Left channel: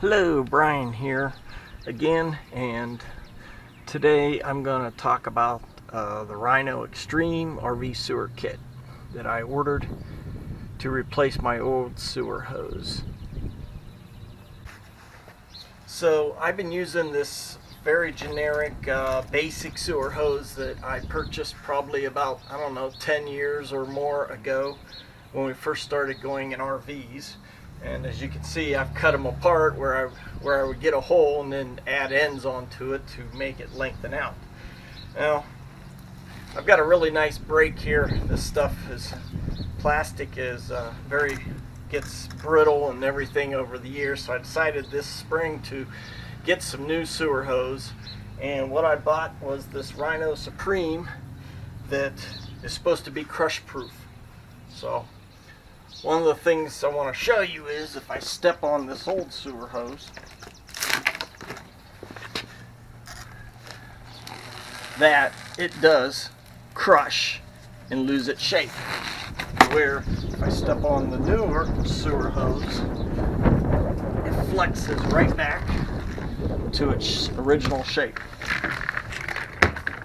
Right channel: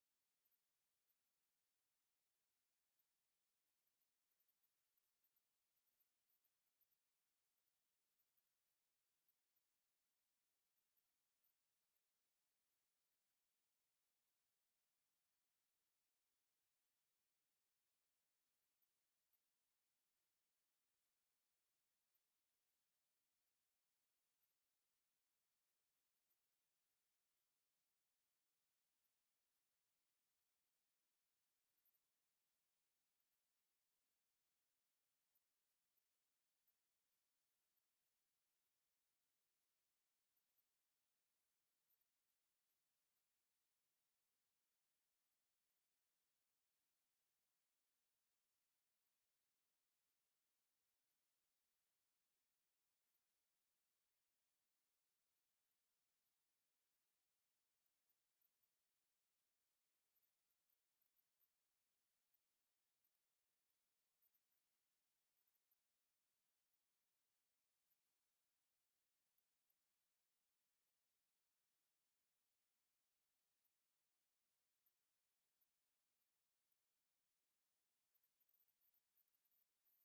Hello, Brian here again, and today I'm going to talk about the Rhino Extreme RV sewer kit that I ordered to replace my old sewer hose. So I've been using this very generic basic sewer hose that I purchased probably about, 10 years or more ago when we first started going in RVs. And as you can see, I've cut them apart where I would get a hole and then add ends onto it to make it lengthen out. Now, I've got a really nice break here. This stuff is plastic is gets brittle and everything over the years, so I decided this spring to get some new sewer hose. And what I bought was this Rhino Supreme that is supposed to be crush proof. So one of the things I want to show you is if I step on this old sewer hose, that it does crush and lose its shape. Where if I step on the newer sewer hose, it flexes right back to its original shape.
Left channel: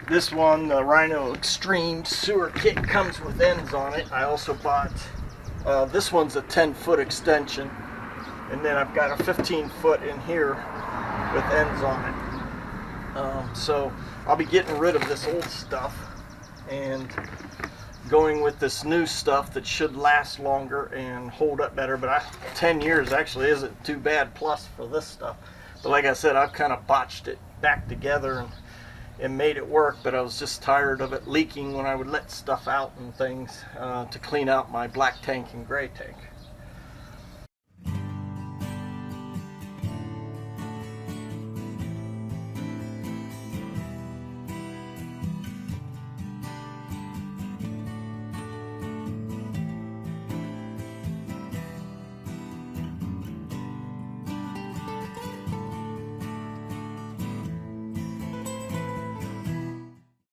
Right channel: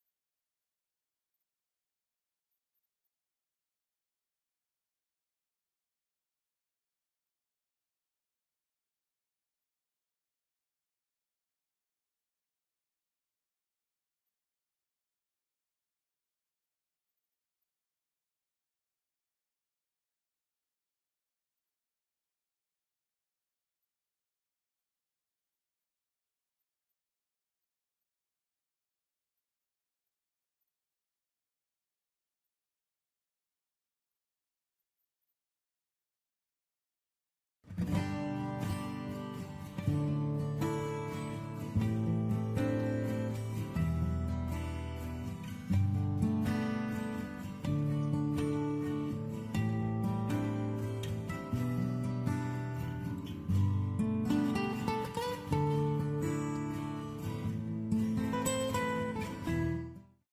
This one, the Rhino Extreme sewer kit, comes with ends on it. I also bought this one's a 10-foot extension, and then I've got a 15-foot in here with ends on it. So I'll be getting rid of this old stuff and going with this new stuff that should last longer and hold up better. But 10 years actually isn't too bad plus for this stuff. But like I said, I've kind of botched it back together and made it work, but I was just tired of it leaking when I would let stuff out and things to clean out my black tank and gray tank.